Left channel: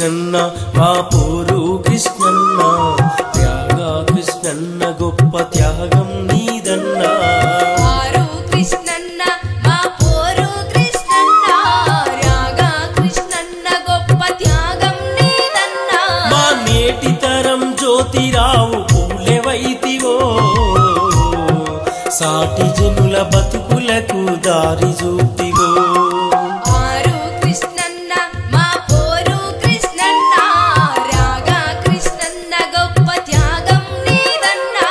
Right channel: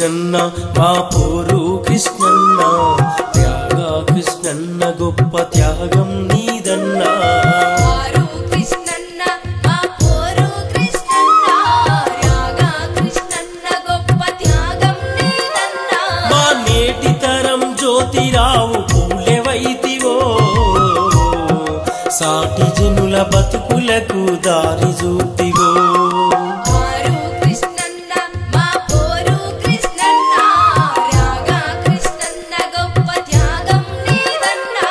కృష్ణన్న మా పోరు కృష్ణన్న త్యాగా కృష్ణన్న గొప్ప త్యాగం నీదన్నా ఆరు కృష్ణన్న మా పోరు కృష్ణన్న త్యాగా కృష్ణన్న గొప్ప త్యాగం నీదన్నా మా నేటి తరం జ్యోతిరావు పూలెవైతివో సాటి జనుల బతుకులకు దారి చూపివో ఆరు కృష్ణన్న మా పోరు కృష్ణన్న త్యాగా కృష్ణన్న గొప్ప త్యాగం నీదన్నా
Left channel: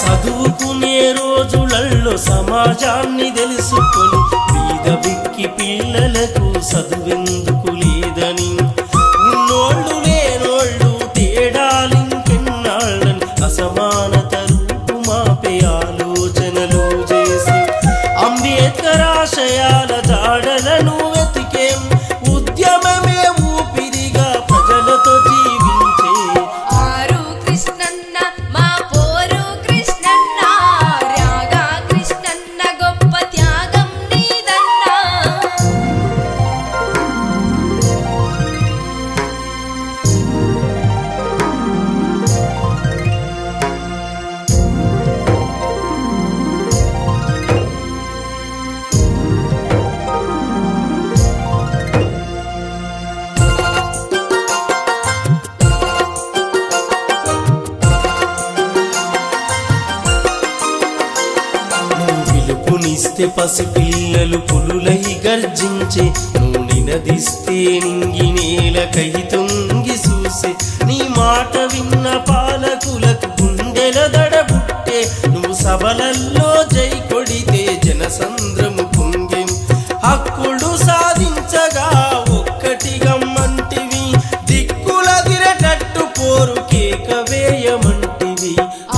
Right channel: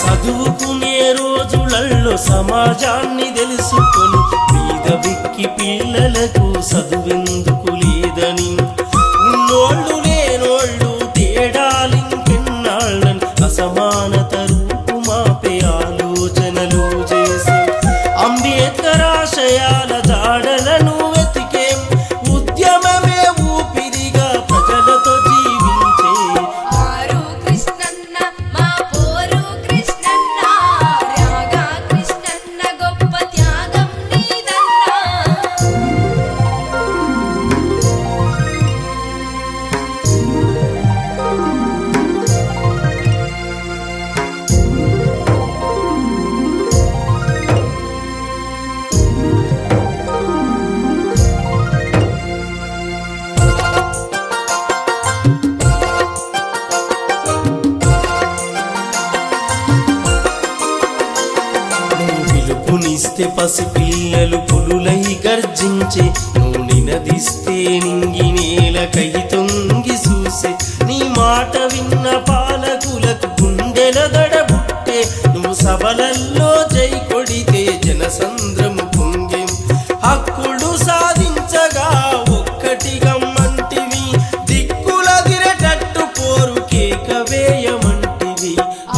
చదువుకునే రోజులల్లో సమాజాన్ని తెలుసుకొని బీద బిక్కి పిల్లలకు చదువెందుకు లేదని ఉన్నోళ్ళు లేనోళ్ళు తేడాలింకెన్నాళ్ళని అసమానత రూపుమాపే ఆలోచనలు చేసి అంబేద్కర్ ఆశయాల జాడలను వెతికేం ఉద్యమమే ఊపిరిగా ప్రజలతో జీవించే ఆరు కృష్ణన్న మా పోరు కృష్ణన్న త్యాగా కృష్ణన్న గొప్ప త్యాగం నీదన్నా నువ్వు పిలుపునిస్తే పసిపిల్లలు పులులై గర్జించే నువ్వు నినదిస్తే నింగి నేలకై తొంగి చూసే నీ మాట విన్న పాలకులకు గుండెల దడబుట్టే నువ్వు సభలల్లో జై కొడితే జనసంద్రము పొంగెం హక్కులు సాధించగా ఒక్కటిగమ్మంటివి దిక్కులదిరటట్టు పోరు కేక వేయమంటివి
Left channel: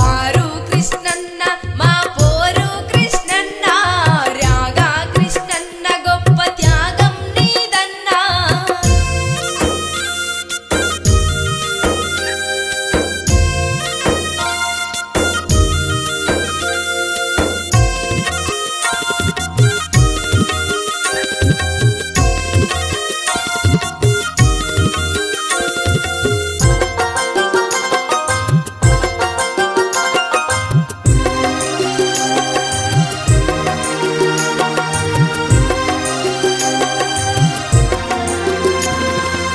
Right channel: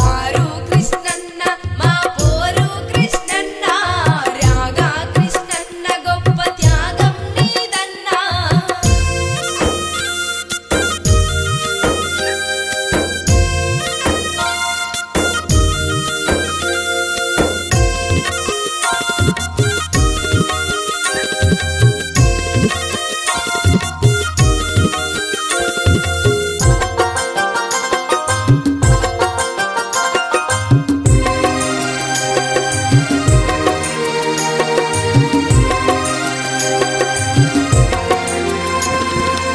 ఆరు కృష్ణన్న మా పోరు కృష్ణన్న త్యాగా కృష్ణన్న గొప్ప త్యాగం నీదన్నా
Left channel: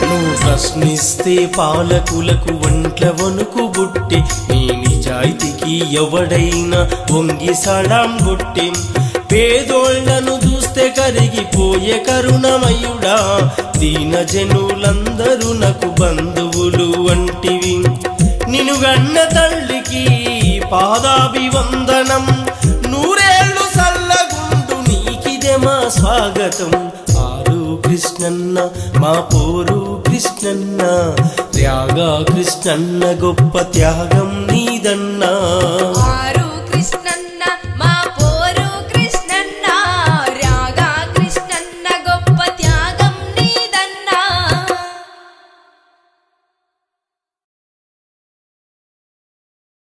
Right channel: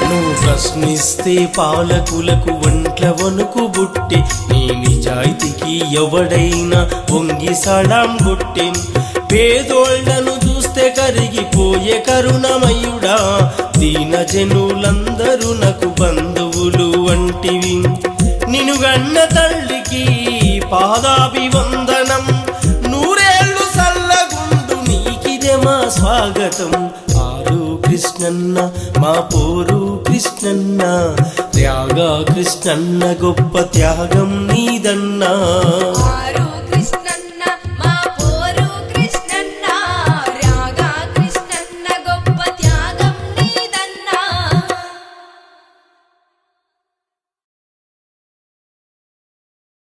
నువ్వు ప్రశ్నిస్తే పాలకులకు వంట్ల వణుకు బుట్టే నీ నిజాయితీకి ఎవడైనా వంగి సలాం కొట్టేం పేదోళ్లను చూస్తే కరిగిపోయే కరుణమయుడా దీన జనులందరూ నాకు బంధువులు వంటివి నినుగన్న తల్లికి పాదాభివందనం నూరేళ్లు సల్లగుండు నీకిదే మా స్వాగతం ఆరు కృష్ణన్న మా పోరు కృష్ణన్న త్యాగా కృష్ణన్న గొప్ప త్యాగం నీదన్నా ఆరు